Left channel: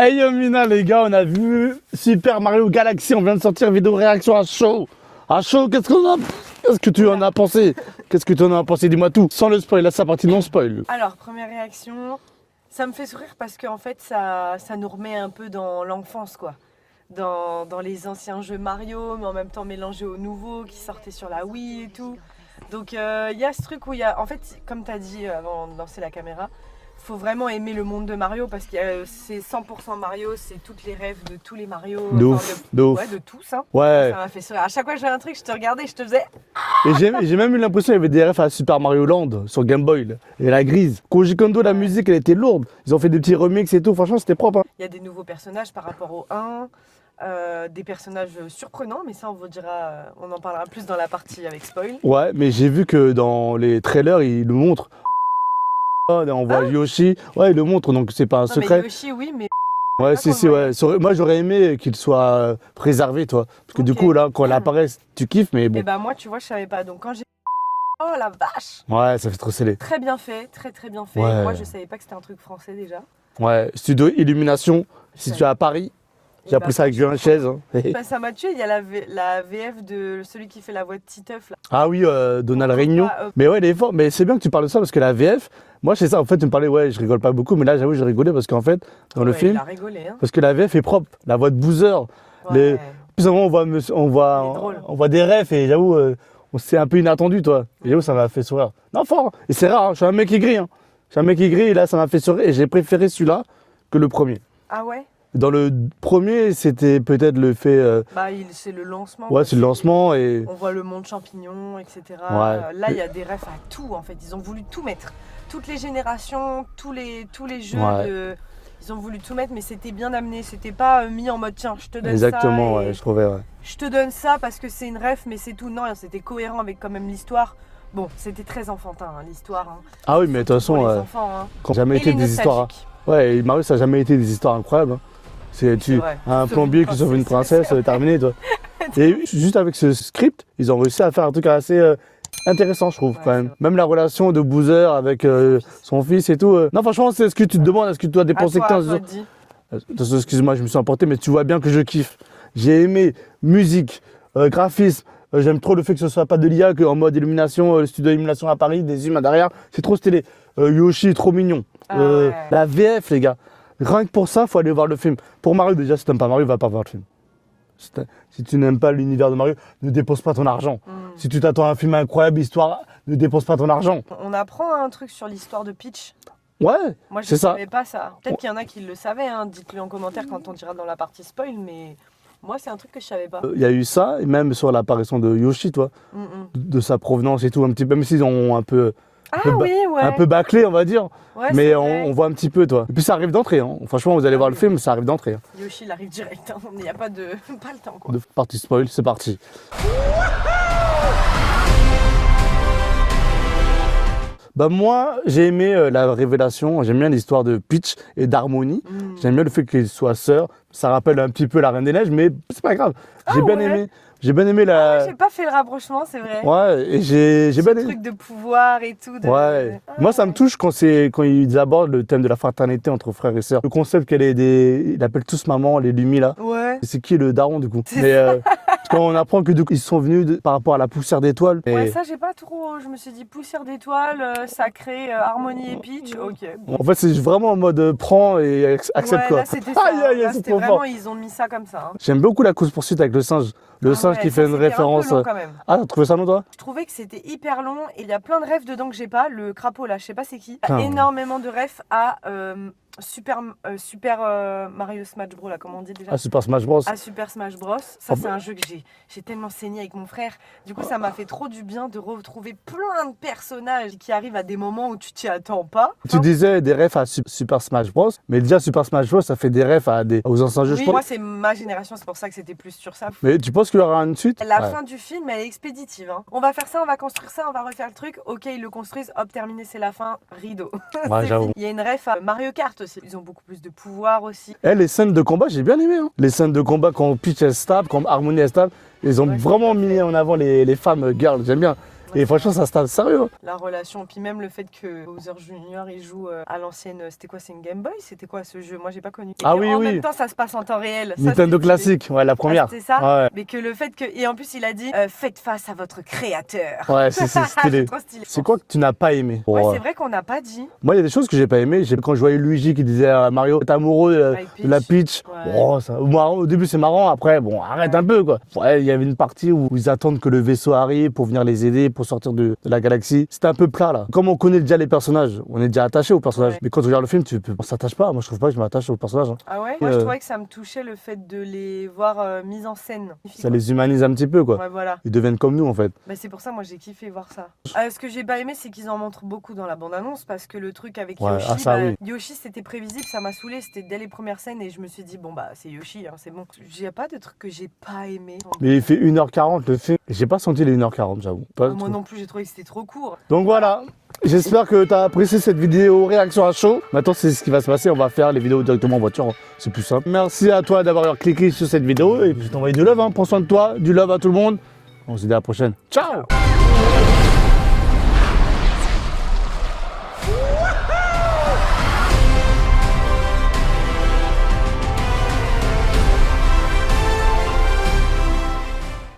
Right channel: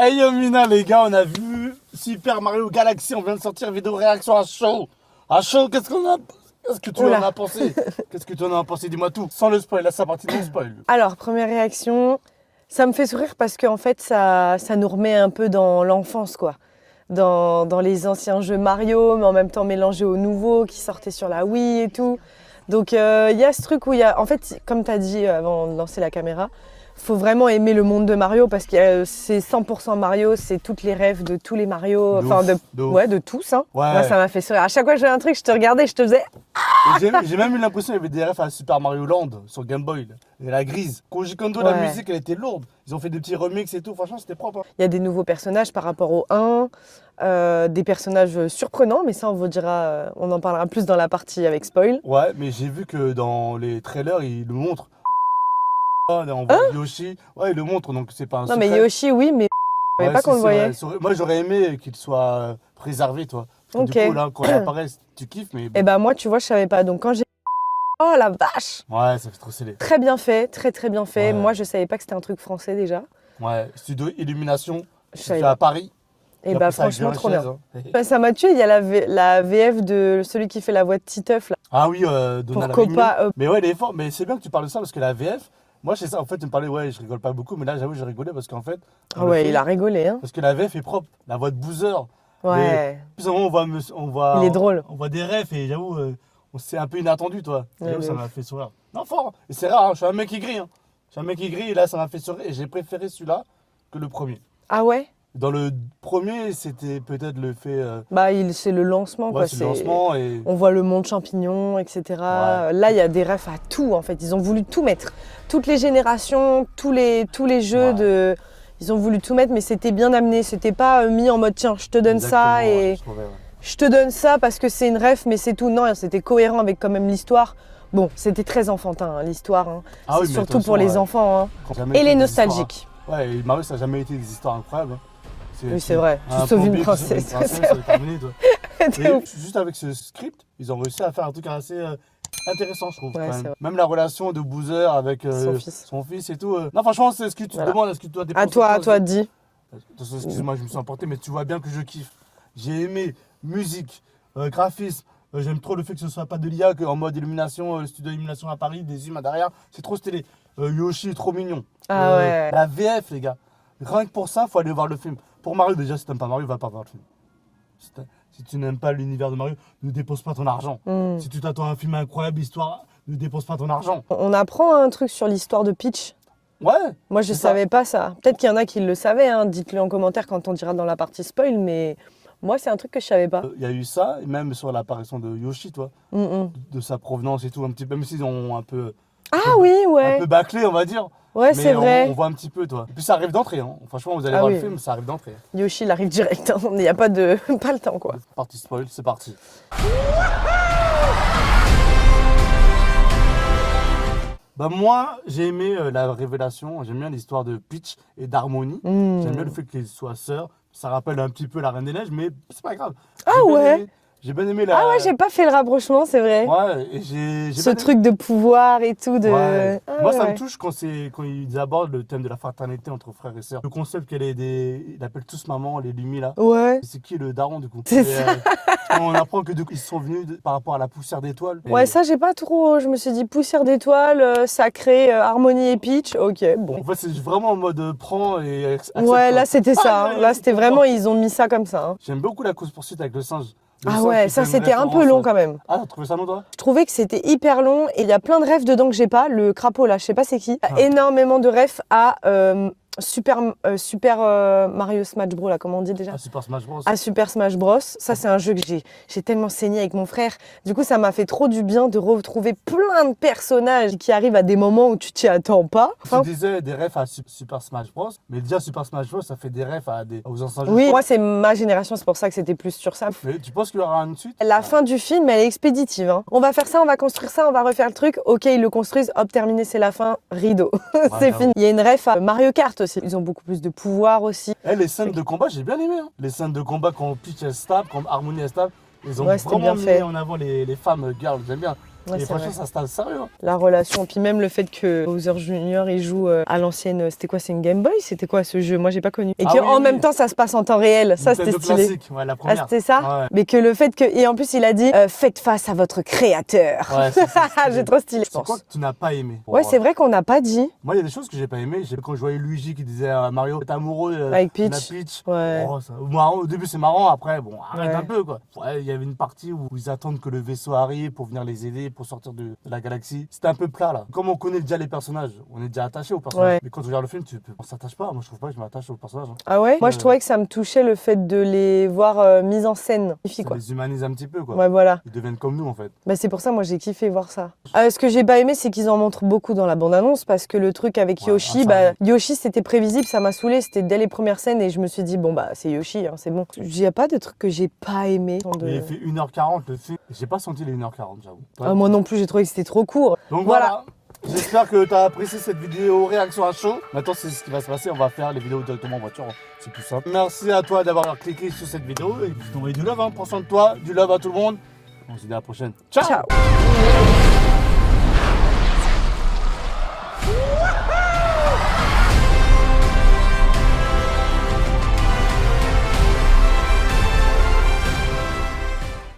Hey yo Mina les gars, on a vu Super Mario Galaxy, on vient de sortir vidéo réaction à chaud. À chaud, qu'est-ce que tu en as pensé? Qu'est-ce que tu en as pensé? Dis-moi tout. Sans le spoil, là c'est parti non spoil. Alors, première réaction, ça me fait sourire parce qu'en fait, ça nous remet un peu dans l'enfance, quoi. Dans les anciens jeux Mario, mais en même temps mélangés aux nouveaux qui sortaient sur la Wii et tout. Donc, il y a ce truc où il y a... En fait, comme tu as dit avant de lancer la caméra, il faut vraiment aimer le monde de Mario parce que c'est 100% Mario, c'est toutes les rêves de tous les Mario, de tous. Hein. Ouais. Moi, ça m'a fait sourire. À chaque fois que je faisais un truc, je te regardais, je te faisais... Et j'ai même eu l'impression qu'il y avait des refs à Super Mario Land sur Game Boy. Là. Et la grise. Koji Kondo, la musique, elle était lourde. Ils ont fait des petits remixes et tout. Franchement, c'était propre. Hein. Il y a des nouveaux personnages par rapport au 1. Des personnages surprenants, mais ça on vous dira, on en parlera plus dans la partie avec spoil. Ouais, mais j'ai vu que dans les trailers, ils le montrent. On voit Yoshi, ouais, il le montre, donc c'est pas un secret. Non mais Yoshi, oui, mais ouais, pas qu'on le voyait. ouais. Moi j'aurais aimé qu'il soit préservé, toi. Parce que du coup, là, quand il apparaît, tu kiffes, mais bon. Et bah moi, tu vois, je savais pas. Donc quand j'ai... Oh la vache! Ouais, ça fait trop scellé. Très bien fait, très bien fait. Ouais. Moi, je savais pas que c'était un truc français déjà. Ouais, studio Illumination, situé à Paris. J'ai appris ça avec du chaise. Hein. Ça m'a tué, il y a la VF de celui qui fait la voix de Titeuf là. Ah oui, Donald Réunion. Mais ouais, il est fort. Mais c'est bien que tu parles de ça parce que la VF, moi c'est ça. En fait, tu me parlais, ouais, je rigole pas beaucoup, mais là j'avoue, j'ai rigolé parce qu'en fait, dans le film. Il a rigolé. Hein. Parce que la VF est propre. La voix de Boozer. Ouais. Plus en on voit. Il est drôle. On voit des refs et j'avoue, c'est un peu inattendu, toi. Et j'avoue, ça m'a fait sourire. Non, fort. Et c'est rare, hein, je suis un mec aigri. Hein. Je suis un mec aigri et là, ça m'a fait sourire. Et j'ai préféré celui-là que le premier. Ah ouais? Dans le premier, c'était peut-être le fait. C'est le lancement. Ouais, quoi. c'est le lancement. Et... On voit le monde champignon, etc. Ouais. Là, il y a des refs à tout, en fait. Ils ont voulu tout mettre. Toutes les générations, tous les jeux de... Ils ont voulu tout mettre, mais c'était bien amené. C'était pas mis en mode, tiens, je te donne ça et je trouvais, je te donne ça parce que c'est une ref, mais c'est tout. Non, c'était cohérent avec quand même l'histoire. Bon, c'était très enfantin, hein, l'histoire. Hein. Ah oui, mais surtout pour les enfants. Hein. Et les nostalgiques. Ouais, Mario, ça n'a jamais été des histoires incroyables. Hein. C'est vrai. Un plombier qui sauve une princesse, terminé, toi. Et juste avec ce script, ils ont réussi à faire un truc assez intéressant, je trouve, quand même. Même la relation de Boozer avec son fils et tout. Non, franchement, c'est ce que tu te demandes, est-ce que tu dois dépenser 15 toi, dis. Excuse-moi, je me suis emporté, mais tu vois bien que je kiffe. J'ai aimé musique, graphisme. J'aime trop le fait que ce soit pas de l'IA, qu'en mode illumination, le studio d'illumination à Paris, des humains derrière. C'est trop stylé. Yoshi, trop mignon. La VF, les gars. Rien que pour ça, il faut aller voir le film. Pour Mario, déjà, si tu n'aimes pas Mario, va pas voir le film. Si tu n'aimes pas l'univers de Mario, ne dépense pas ton argent. Si tu t'attends à un film incroyable, histoire, ne dépense pas ton argent. On apprend un truc sur l'histoire de Peach. Ouais. Moi, je ne savais pas ça. Peut-être qu'il y en a qui le savaient. Hein. Dites-le en commentaire quand on dira dans la partie spoil. Mais moi, c'est un truc que je ne savais pas. Il y a eu ça, et même sur l'apparition de Yoshi, toi, de sa provenance et tout, un petit peu, même s'ils ont un peu... Un peu bâclé, on va dire. Ouais, mais vrai. On voit un petit peu, toi. Et puis ça arrive d'entrée. Hein. Franchement, vous allez voir le film, ça arrive d'entrée. Hein. Yoshi, il arrive direct. Hein. Il n'y a pas le temps, quoi. Partie spoil, c'est parti. Bah moi, j'ai aimé la révélation. J'aime bien l'histoire de Peach et d'Harmony. J'aime bien le fait qu'ils soient sœurs. Ça rappelle un petit peu la Reine des Neiges, mais c'est pas grave. J'ai bien aimé la... Ah ouais, j'ai pas fait le rapprochement, c'est vrai. Ouais, et j'ai ce truc de pouvoir et tout. Ouais. Moi, ça me touche quand ils abordent le thème de la fraternité entre frères et sœurs. Le concept ils appellent tous maman, les Lumi là. Ouais. C'est qui le daron du coup? Quand on apprend que du coup, ils sont venus par rapport à la poussière d'étoiles. Ouais, ça, j'ai pas trop... Je me suis dit poussière d'étoiles, sacré, Harmony et Peach. Ok, bon. En fait, c'est vraiment en mode prends et accepte. Ouais, là, c'était ça. Là, c'était vraiment... Ils ont mis ça comme ça. Hein. J'aime beaucoup la course-poursuite avec le singe. Le singe qui ça c'était un peu long quand même. Ah, t'as trouvé ça long toi? Je trouvais que c'était hyper long et il y a plein de refs dedans que j'ai pas. Le crapaud là, je sais pas c'est qui. Énormément de refs à Super Mario Smash Bros là, comment on dit déjà? À Super Smash Bros. À Super Smash Bros. Ça c'est un jeu que j'ai tellement saigné avec mon frère. Du coup ça m'a fait trop du bien de retrouver plein de personnages qui arrivent à des moments où tu t'y attends pas. Tu disais des refs à Super Smash Bros. Mais déjà Super Smash Bros ça fait des refs aux anciens jeux. Oui, moi c'est ma génération, c'est pour ça que c'était plus sur ça. Mais tu penses qu'il y aura une suite? La fin du film elle est expéditive. Hein. On va faire ça, on va construire ça, on va refaire le truc. Ok, ils le construisent, hop, terminé, c'est la fin, rideau. C'est fini. Il y a une ref à Mario Kart aussi. Ils ont beaucoup plus de pouvoir aussi. Les scènes de combat, j'ai bien aimé. Hein. Les scènes de combat quand Peach elle se tape, quand Harmony elle se tape, ils ont vraiment mis en avant les femmes girls. J'aime bien. Ouais, Et c'est franchement, vrai. ça se tape sérieux. La relation, puis même le fait que Bowser Junior il joue à l'ancienne, c'était quoi, c'est une Game Boy? C'était quoi ce jeu? Moi j'ai pas connu. Et Ah que oui, en oui. même temps ça se passe en temps réel. Ça c'était Nintendo stylé. classique, ouais, la Ah, première. c'était ça? Ouais, Mais que le fait que. Et en plus il a dit faites face à votre créateur. ouais, c'est stylé. C'est trop stylé. C'est quoi que tu n'as pas aimé? Ouais, c'est vrai qu'on n'a pas dit. Moi, il y a des choses que j'ai pas aimé. Quand je voyais Luigi qui disait à Mario, t'es amoureux Avec de la Peach. Peach. Ouais. Oh, ça, marrant, au début, c'est marrant. Après, bon, arrête Ouais. un peu, quoi. Ouais, il y avait une partie où ils attendent que le vaisseau arrive pour venir les aider, pour sortir de la galaxie. C'était un peu plat, là. Comme on connaît déjà les personnages, on est déjà attaché aux personnages. Ouais. Mais quand tu regardes le film, on s'attache pas. Moi, je trouve pas que je m'attache aux personnages. Hein. Ah ouais? Moi je Euh, trouvais que ça me touchait le fait de les voir mis en scène. Ça les humanise un petit peu, quoi. Ouais, voilà. Ils deviennent comme nous, en fait. Bah, c'est pour ça, moi j'ai kiffé voir ça. Ce que j'ai pas aimé, c'est qu'ils en montrent beaucoup dans la bande-annonce parce que le truc avec Ouais, Yoshi, ah, ça, bah, oui. Yoshi c'était prévisible, ça m'a saoulé, c'était dès les premières scènes et je me suis dit, bon bah c'est Yoshi, hein, c'est bon. Il y a pas de truc que j'ai pas aimé. Mais il fait 1h40 le film. J'ai pas senti les 1h40, j'avoue. Pas Ah, du moi tout. non plus, j'ai trouvé que c'était trop court. Donc voilà. J'espère que tu as apprécié cette vidéo réaction à chaud. Maintenant, c'est ce qui va se passer. On va faire les vidéos directement en voiture. C'est plus simple. Merci à toi d'avoir cliqué sur cette vidéo. Et puis, je t'envoie du love. Hein. Prends soin de toi. Du love à tout le monde. On se dit à la prochaine. Ciao. Ciao.